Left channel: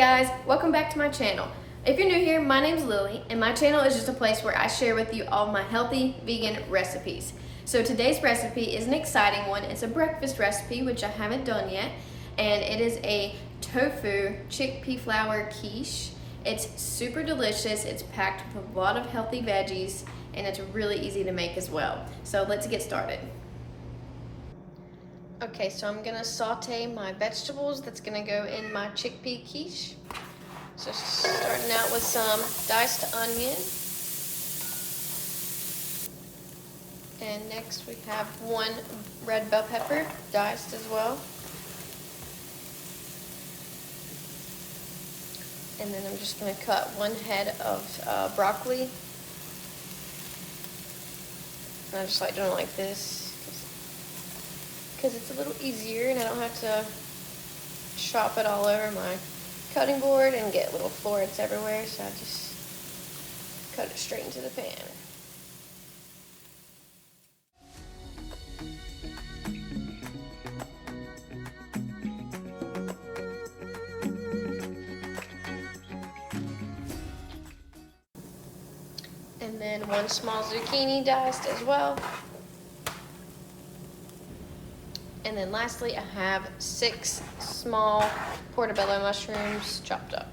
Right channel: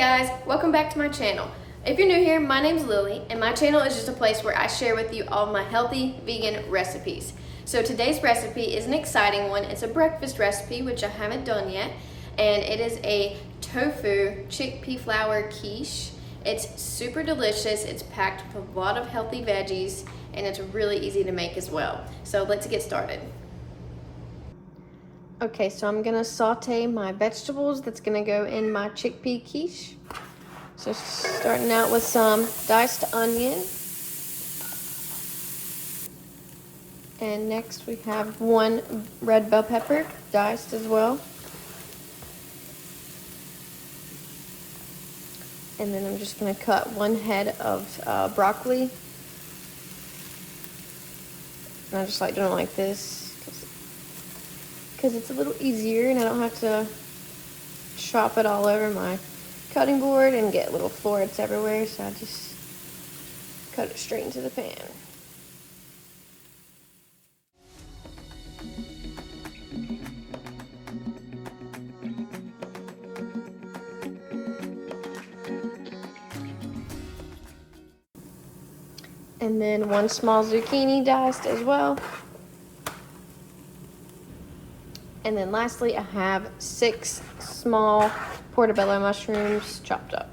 guys, welcome back to my channel. If you're new here, my name's Lily, and my channel is just a place where I share with you all my healthy vegan recipes. So today's recipe is an exciting one. It's a breakfast recipe, which I haven't done yet, and it is a tofu chickpea flour quiche. It's super delicious, it's packed with a lot of healthy veggies, and it's really easy to make as well. So let's get started. Okay, so I'm gonna saute my vegetables. That's gonna go in my chickpea quiche. So starting out with some diced onion. And next we have one red bell pepper, diced as well. And then I'm just gonna cut one head of broccoli. And I just like doing it like this, because it's a little easier and I don't have to chop it all over my cutting board and get little florets everywhere, so I just cut it straight into the pan. And then one small zucchini diced as well. And then lastly, I have 6 small portobello mushrooms chopped up.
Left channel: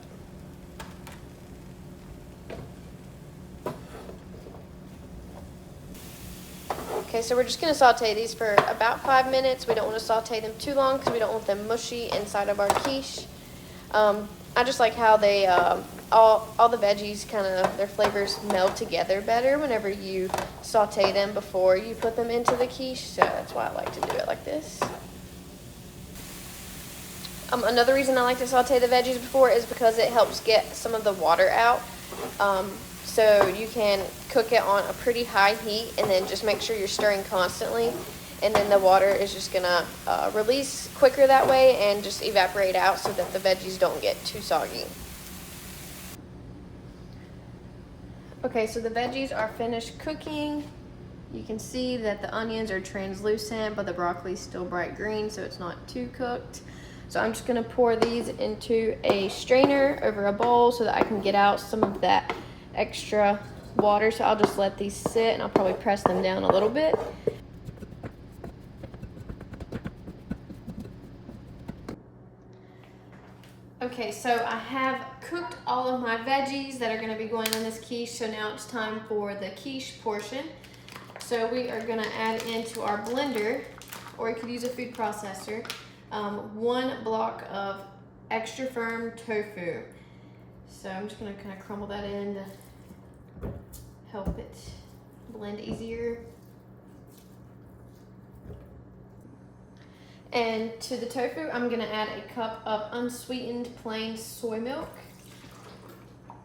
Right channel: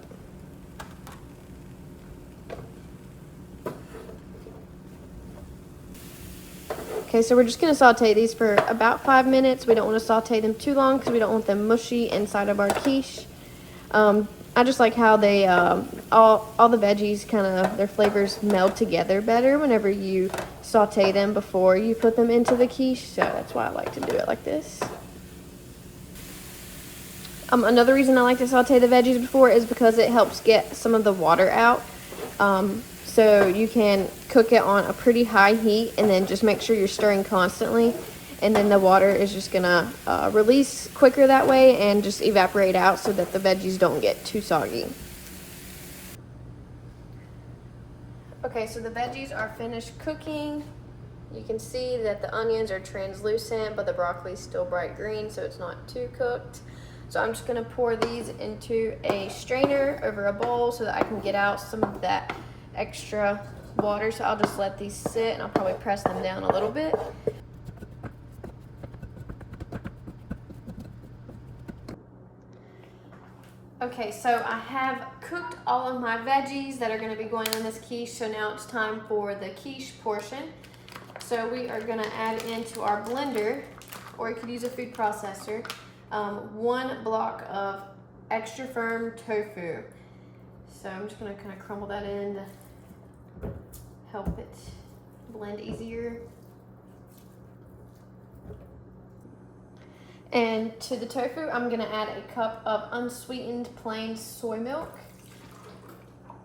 Okay, so we're just gonna saute these for about 5 minutes. We don't wanna saute them too long because we don't want them mushy inside of our quiche. I just like how they, all the veggies their flavors meld together better whenever you saute them before you put them into the quiche, so that's why I like to do it like this. Another reason I like to saute the veggies before is because it helps get some of the water out. So you can cook it on a pretty high heat and then just make sure you're stirring constantly, and then the water is just gonna release quicker that way and just evaporate out so that the veggies don't get too soggy. Okay, so the veggies are finished cooking. You can see that the onions are translucent, but the broccoli is still bright green, so it's not too cooked. So I'm just gonna pour these into a strainer over a bowl so that I can get out some of that extra water. So I'll just let these sit and I'll probably press them down a little bit. Okay, so I have cooked all of my veggies that are gonna be going in this quiche, so now it's time for the quiche portion. So we are gonna add into our blender, or you could use a food processor, 1 block of extra firm tofu. So I'm just gonna kind of crumble that in to help it blend easier. And to the tofu, I'm gonna add a cup of unsweetened plain soy milk.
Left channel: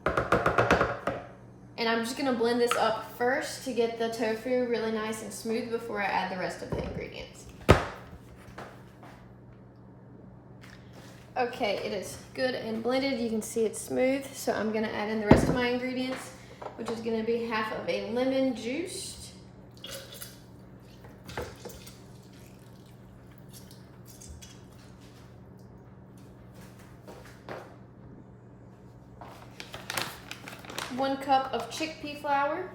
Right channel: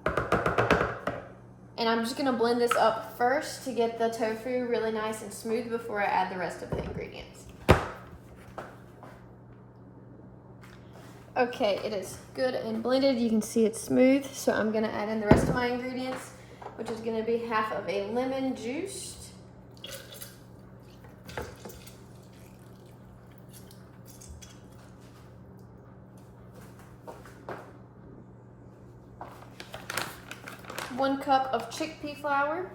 And I'm just gonna blend this up first to get the tofu really nice and smooth before I add the rest of the ingredients. Okay, it is good and blended. You can see it's smooth, so I'm gonna add in the rest of my ingredients, which is gonna be half of a lemon juiced. One cup of chickpea flour.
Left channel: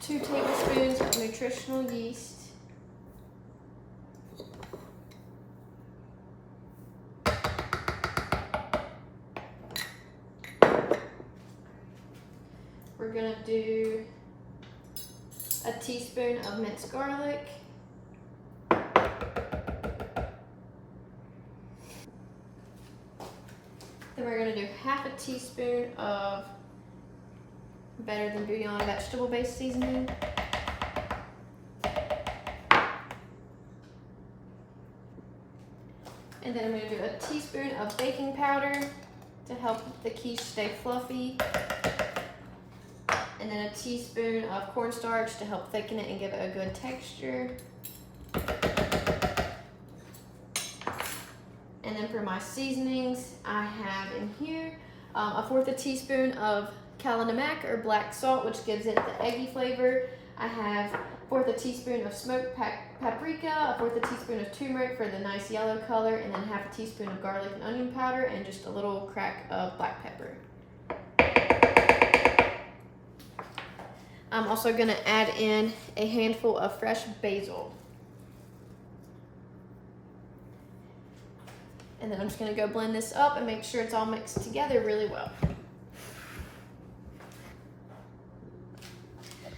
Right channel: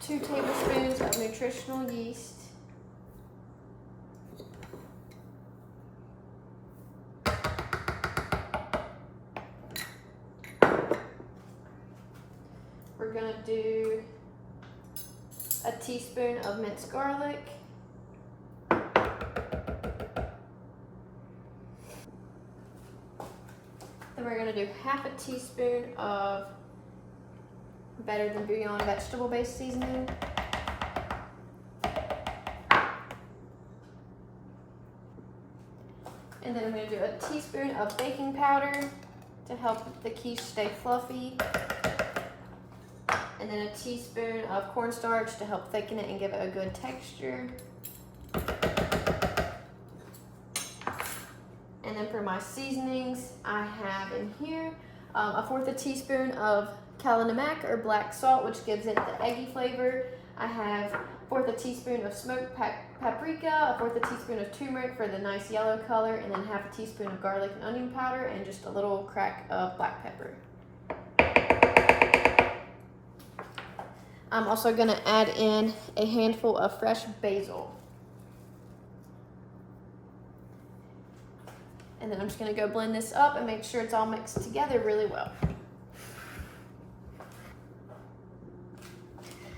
Two tablespoons of nutritional yeast. We're gonna do a teaspoon of minced garlic. Then we're gonna do half a teaspoon of Better Than Bouillon vegetable-based seasoning. And then I'm gonna do a teaspoon of baking powder to help the quiche stay fluffy. And then a teaspoon of cornstarch to help thicken it and give it a good texture. And then for my seasonings, I have in here a 1/4 teaspoon of Kala Namak or black salt, which gives it the eggy flavor. I have 1/4 teaspoon of smoked paprika, 1/4 teaspoon of turmeric for the nice yellow color, and then 1/2 teaspoon of garlic and onion powder, and just a little crack of black pepper. I'm also gonna add in a handful of fresh basil. And then I'm just gonna go blend this up and make sure it's all mixed together really well.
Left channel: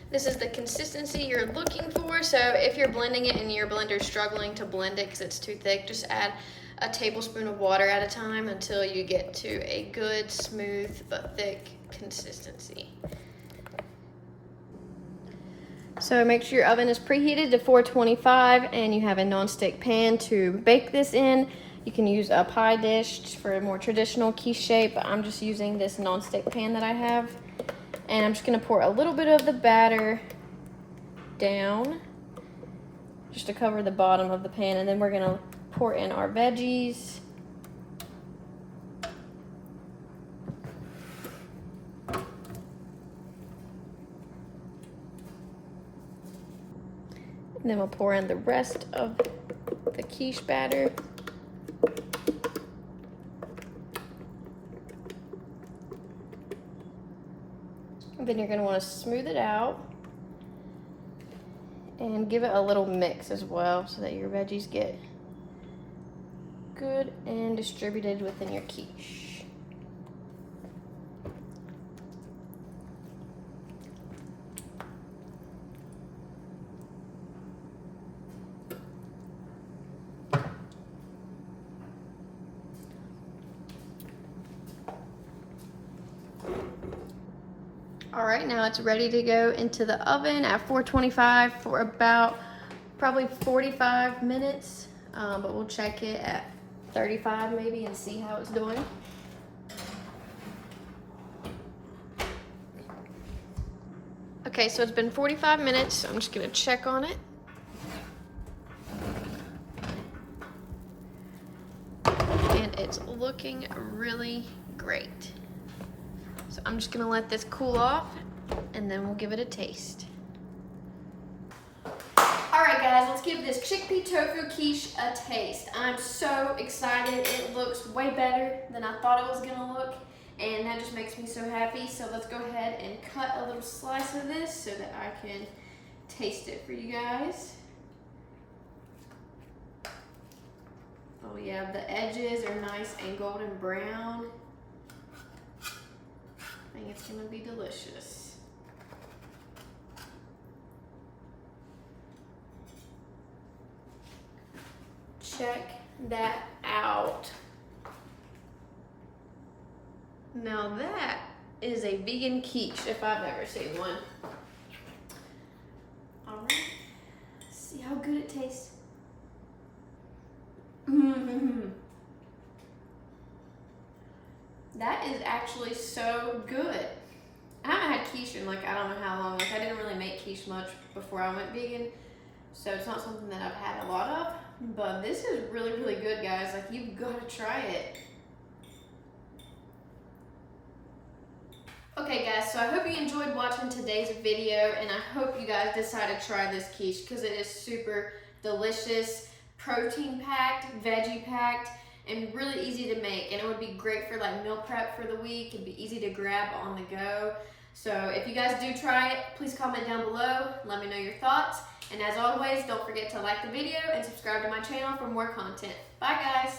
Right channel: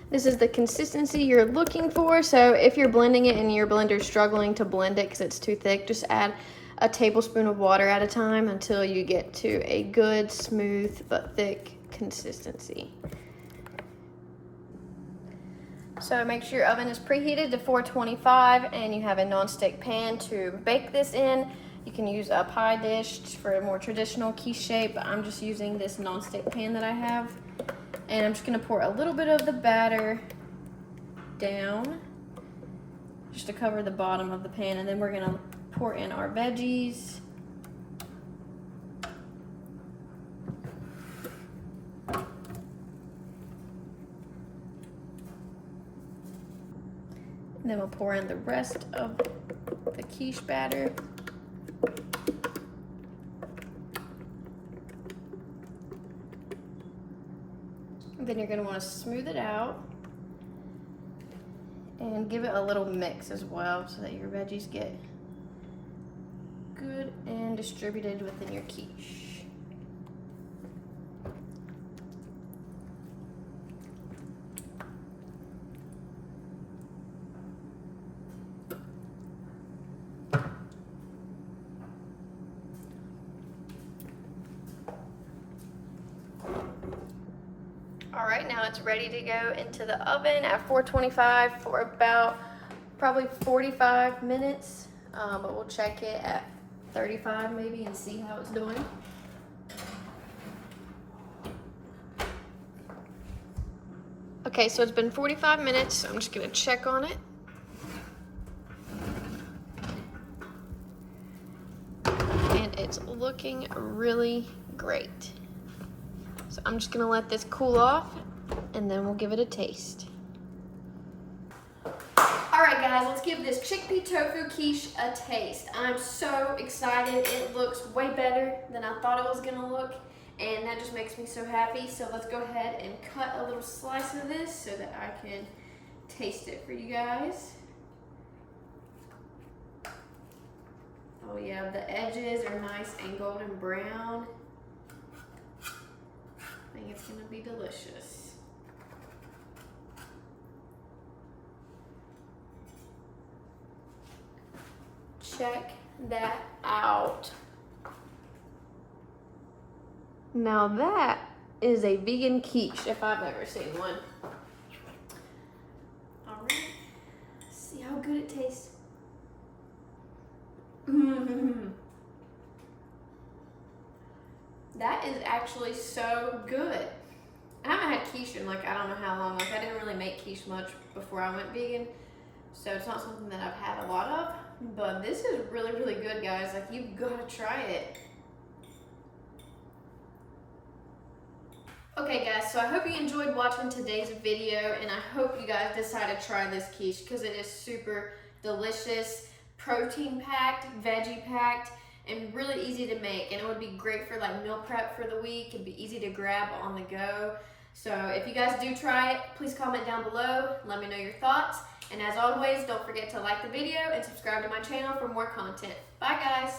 This is the consistency you're looking for, so if you're blending it and your blender's struggling to blend it because it's too thick, just add a tablespoon of water at a time until you get to a good, smooth, but thick consistency. So make sure your oven is preheated to 425 and you have a non-stick pan to bake this in. You can use a pie dish for a more traditional quiche shape, but I'm just using this non-stick pan that I have. And I'm just gonna pour a little bit of the batter down just to cover the bottom of the pan, and then we're gonna pour in our veggies. And then we'll pour in the rest of the quiche batter. And then you're going to want to smooth it out and give it a little mix as well so that your veggies get good and distributed within your quiche. All right, now it's ready to go into the oven at 425 for about probably 45 minutes, but we'll check it at 35 maybe and see how it's doing. Okay, so it's been 45 minutes, so I'm just gonna check on it. And it's looking really great. So I'm just gonna let this cool off and then we'll give it a taste. All right guys, let's give this chickpea tofu quiche a taste. I'm so excited. It looks way better than I thought it was gonna look, and that just makes me so happy. So let's go ahead and cut a little slice of this so that I can taste it for you guys. Oh yeah, the edges are nice and golden brown. I think it's gonna be delicious. Check that out. Now that is a vegan quiche if I've ever seen one. All right, let's see how good it tastes. That is actually so good. I haven't had quiche in like I don't know how long. Like I didn't really make quiche much before I went vegan, so it's not something that I've had a lot of. But this is really, really good, guys. Like you've got to try it. Okay, guys. So I hope you enjoyed watching today's video, and I hope you guys decide to try this quiche because it is super delicious, protein packed, veggie packed, and really easy to make. And it would be great for like meal prep for the week. It'd be easy to grab on the go. So if you guys do try it, please comment down below. Let me know your thoughts. And as always, don't forget to like the video and subscribe to my channel for more content. Bye guys.